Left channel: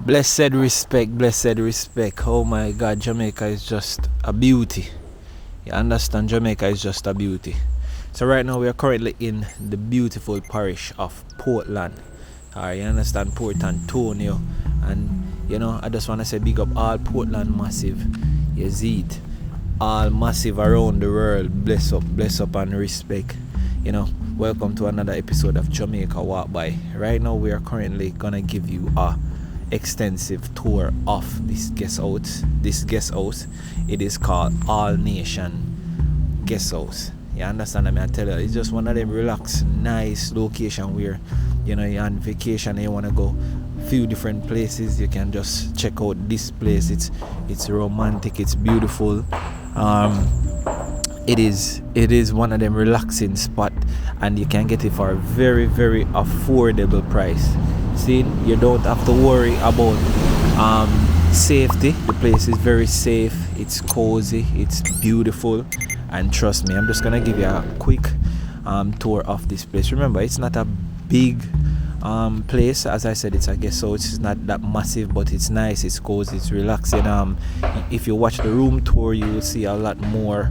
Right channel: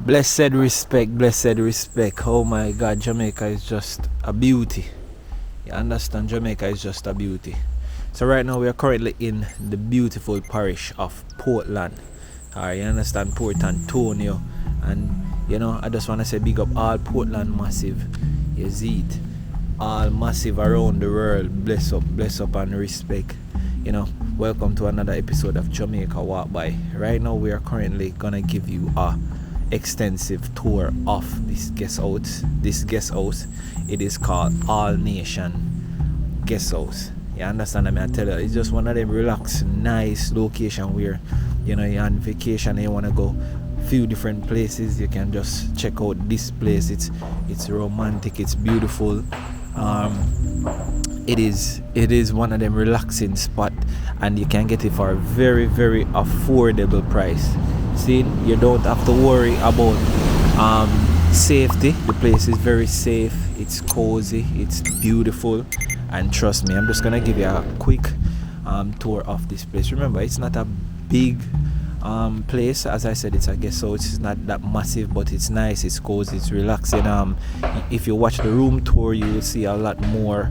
Blessed respect, blessed respect. Oh my God, Jamaica is just a beauty. You understand? Jamaica is just a beauty. So right now we are currently in the beautiful parish of Portland. Alright, you understand? Port Antonio. And you know, I just want to say big up all Portland massive. You see it? All massive around the world. Bless up and respect. You know, welcome to another episode of Jamaica Walk By. Right now we are currently gonna give you a extensive tour of this guest house. It is called All Nation Guesthouse. You understand? I mean, I tell you, it's just one of them relaxed, nice location where you know you're on vacation and you want to go few different places. You can just check out this place. It's romantic, it's beautiful. It is one of them relaxing spot, and you can get it for a very affordable price. See, you don't have to worry about safety. The place is very safe, it's cozy, it's beautiful, and trust me, I'm just gonna give you a quick tour of this place. Remember, it's not a big place. As I said, it's a guest house. It's not that massive, but it's nice, it's cozy, it's relaxing. If you watch the room tour, you will see a lot more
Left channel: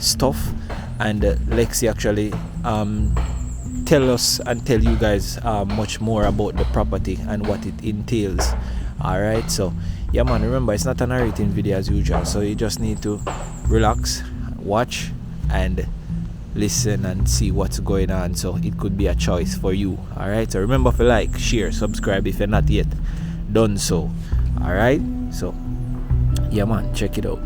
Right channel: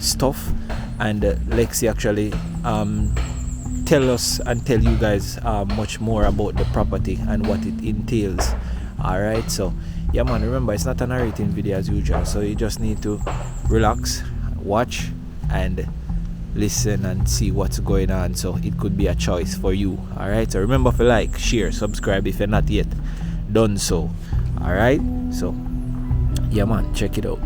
stuff, and Lexi actually tell us and tell you guys much more about the property and what it entails. Alright, so yeah man, remember, it's not a narrating video as usual, so you just need to relax, watch, and listen and see what's going on, so it could be a choice for you. Alright, so remember to like, share, subscribe if you're not yet done so. Alright, so yeah man, check it out.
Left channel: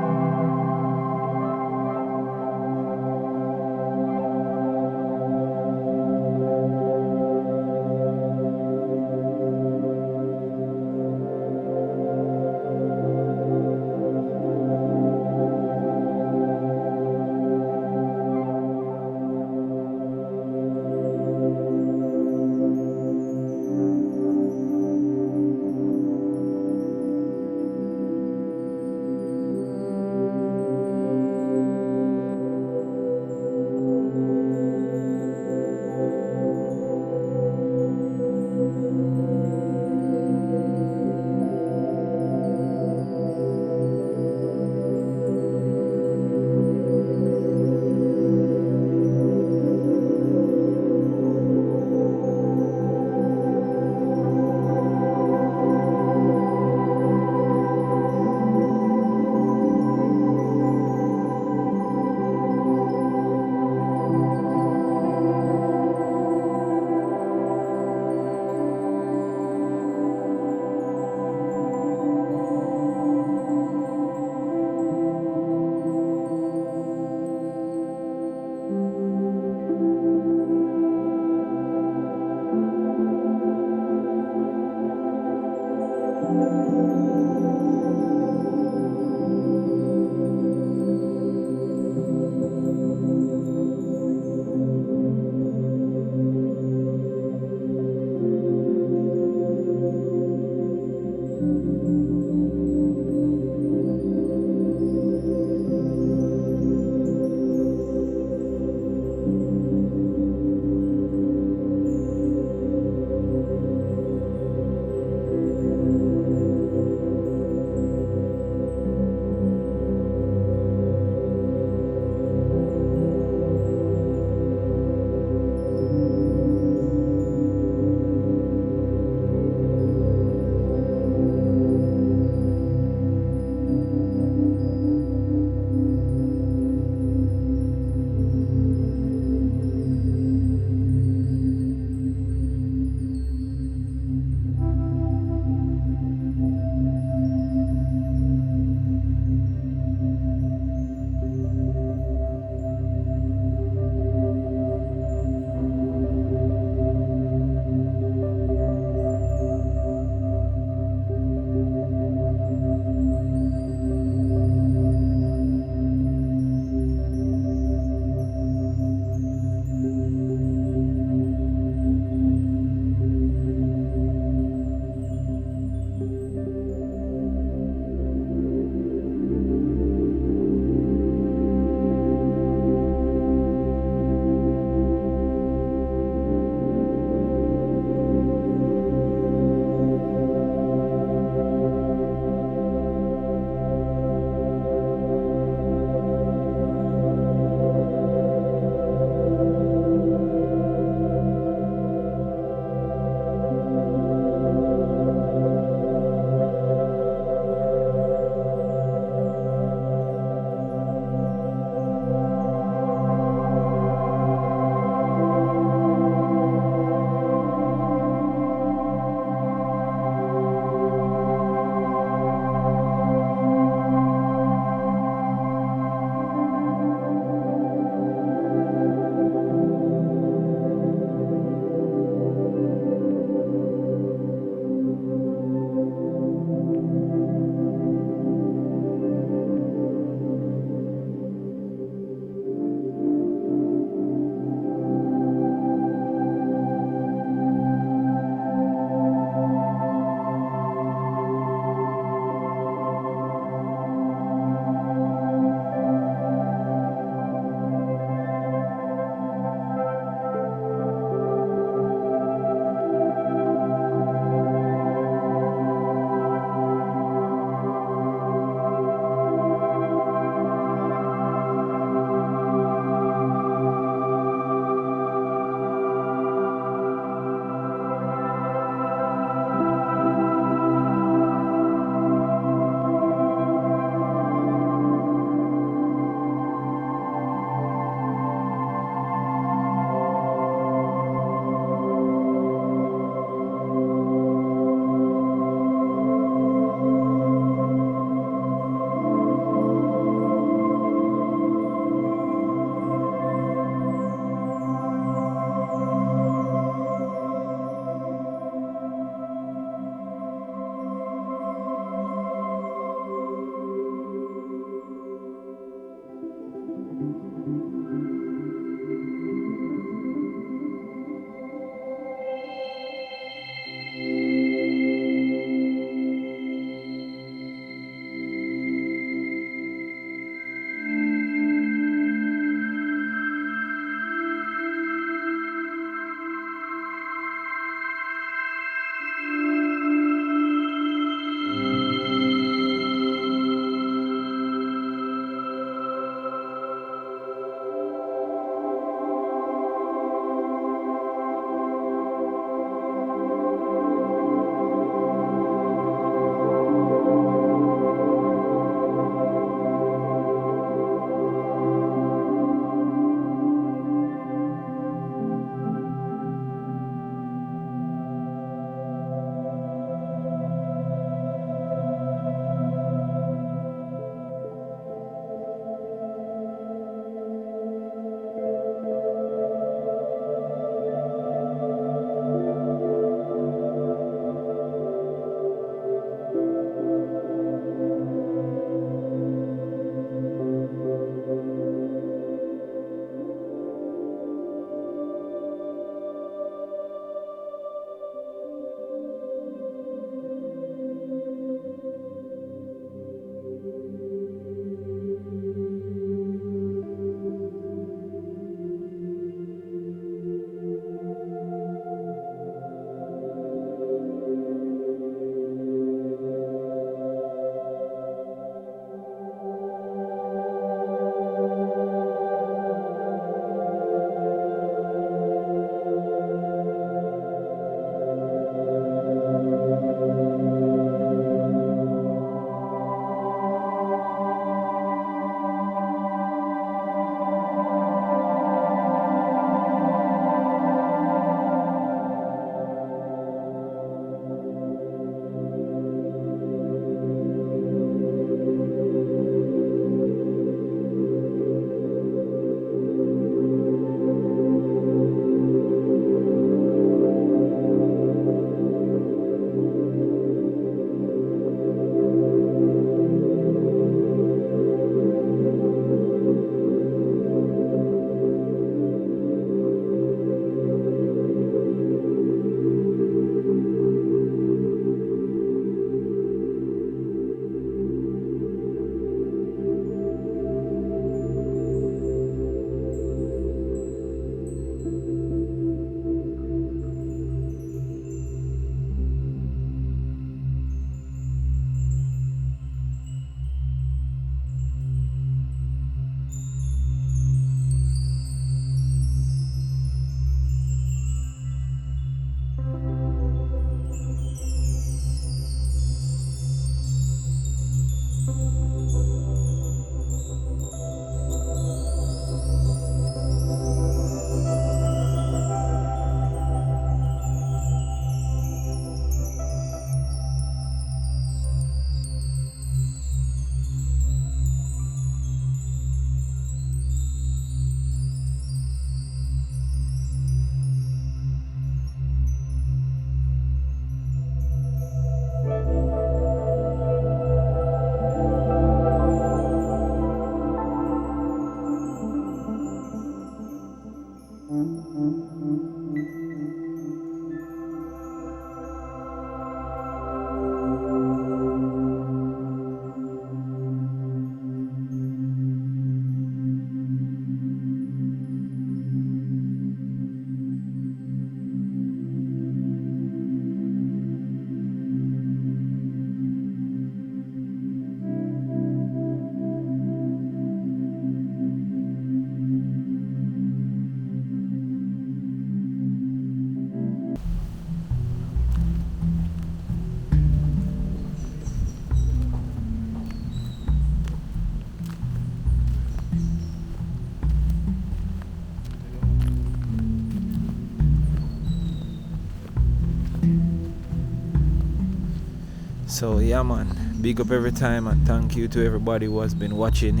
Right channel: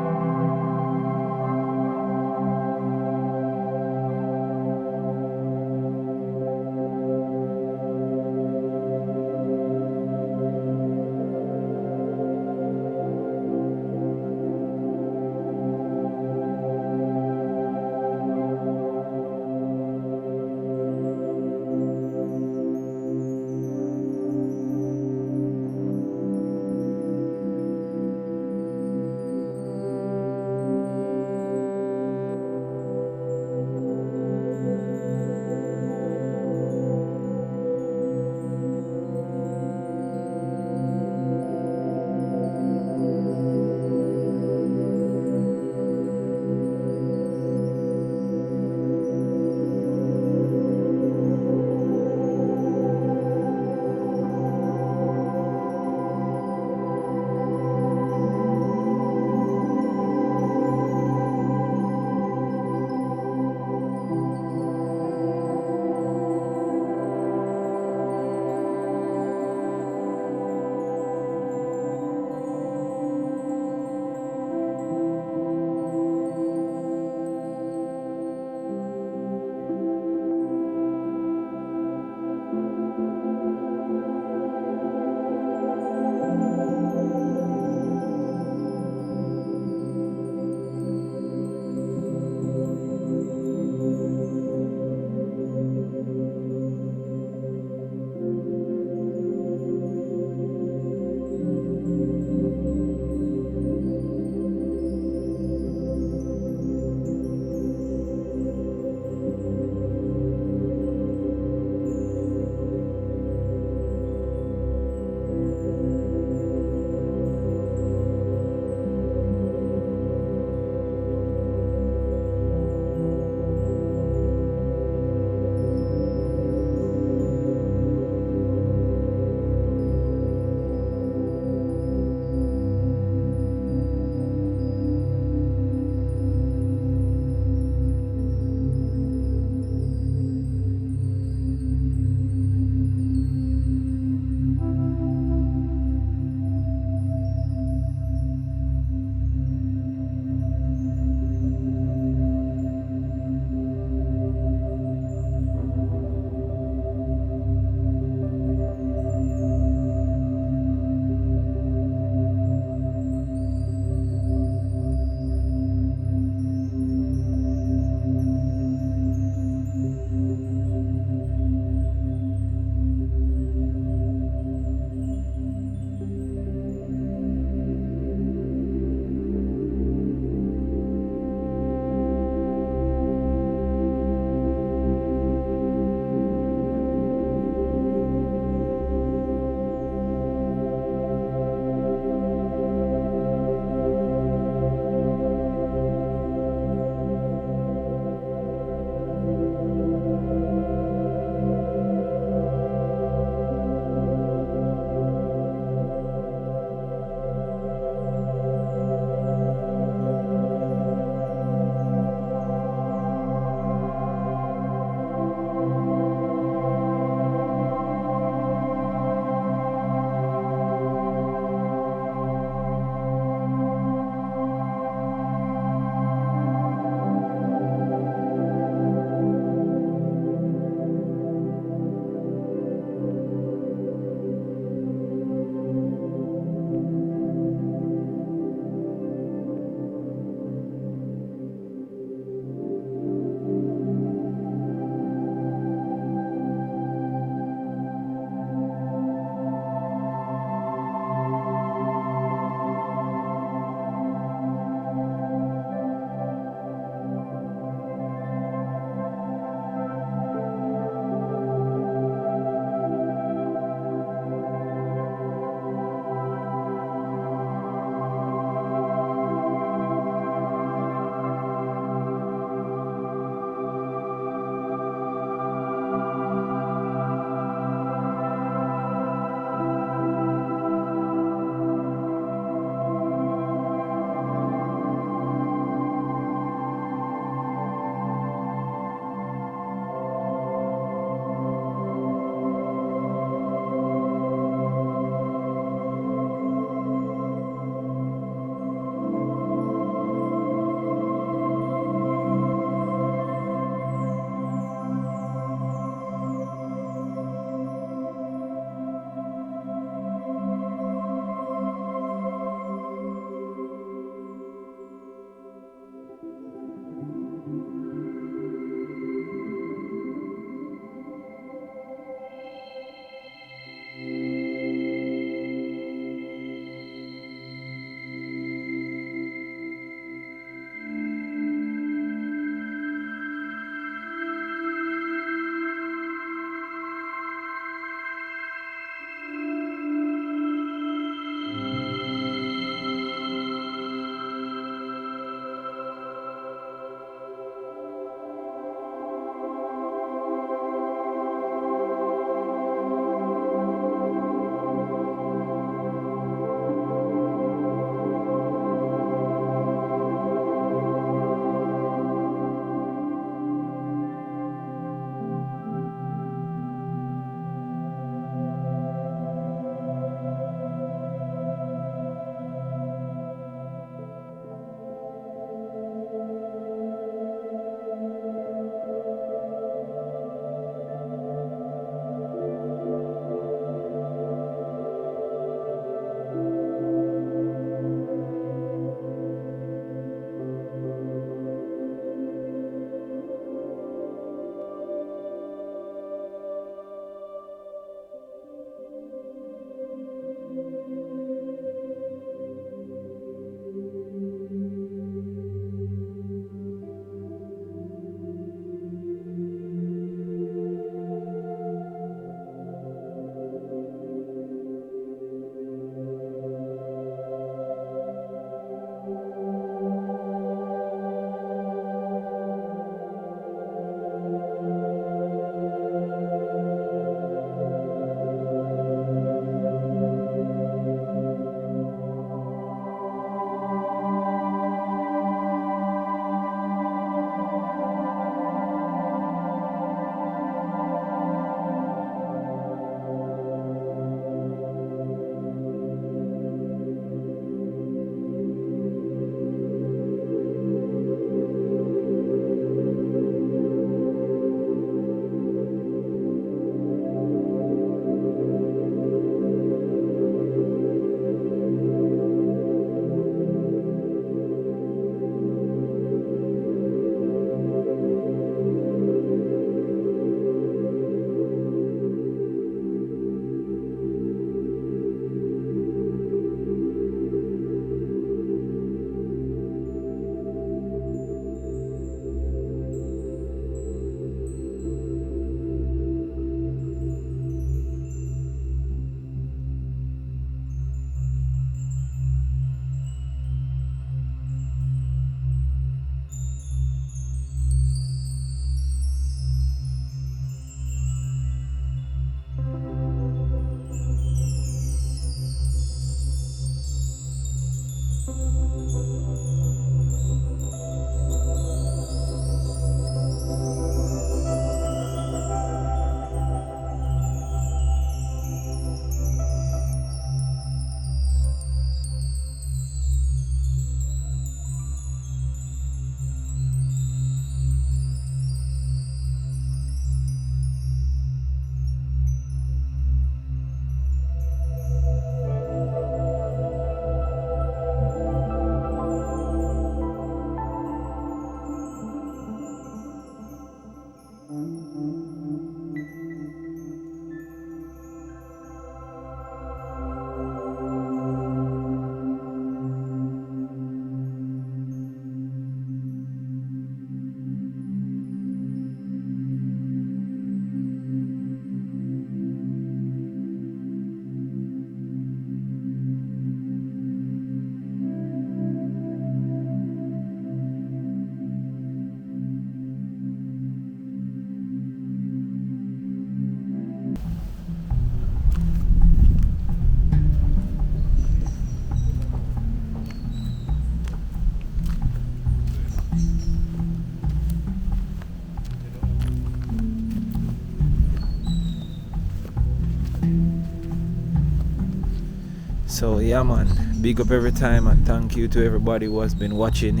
So yeah man, big up every time and thank you to everybody who has been watching.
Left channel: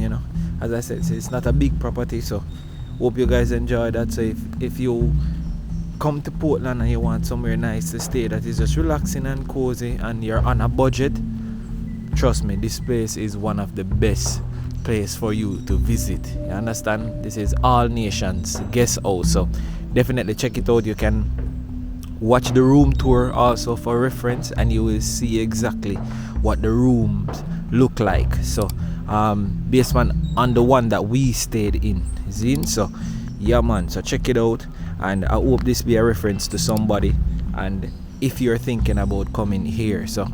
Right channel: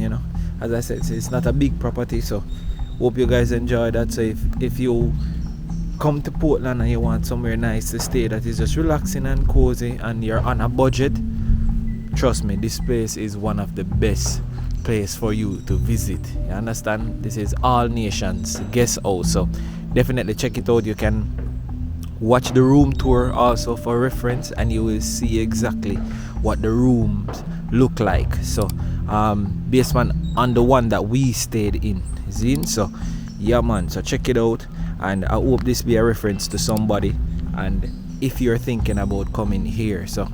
As I said, it's not a big property, so hope you guys enjoy that. So if you come to Portland and you want somewhere nice to stay that is just relaxing and cozy and you're on a budget, trust me, this place is one of the best place for you to visit. You understand? This is all Nations Guesthouse, so definitely check it out. You can watch the room tour also for reference and you will see exactly what the rooms look like. So based on the one that we stayed in, so yeah man, so check it out and I hope this be a reference to somebody. And if you're thinking about coming here, so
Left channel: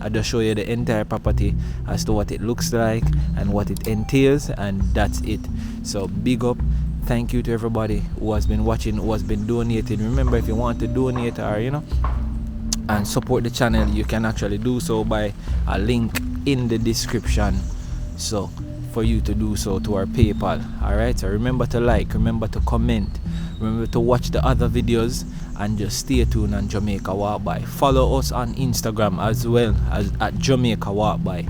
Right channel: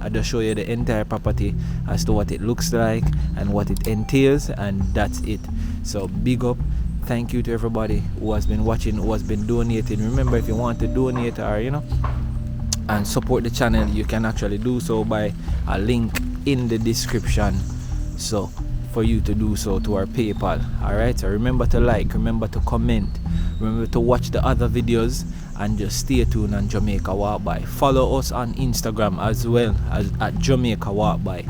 I just show you the entire property as to what it looks like and what it entails, and that's it. So big up, thank you to everybody who has been watching, who has been donating. Remember, if you want to donate or and support the channel, you can actually do so by a link in the description, so for you to do so to our PayPal. Alright, so remember to like, remember to comment, remember to watch the other videos, and just stay tuned on Jamaica Walk By. Follow us on Instagram as well as at Jamaica Walk By.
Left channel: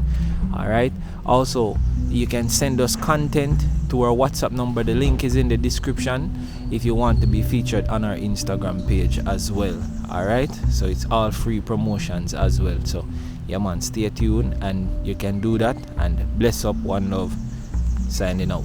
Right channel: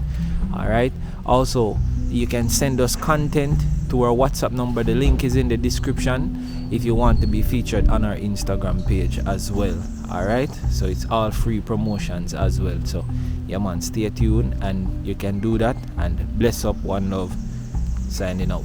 Alright, also you can send us content to our WhatsApp number. The link is in the description if you want to be featured on our Instagram page as well. Alright, so it's all free promotions as well. So yeah man, stay tuned and you can do that. And bless up, one love, signing out.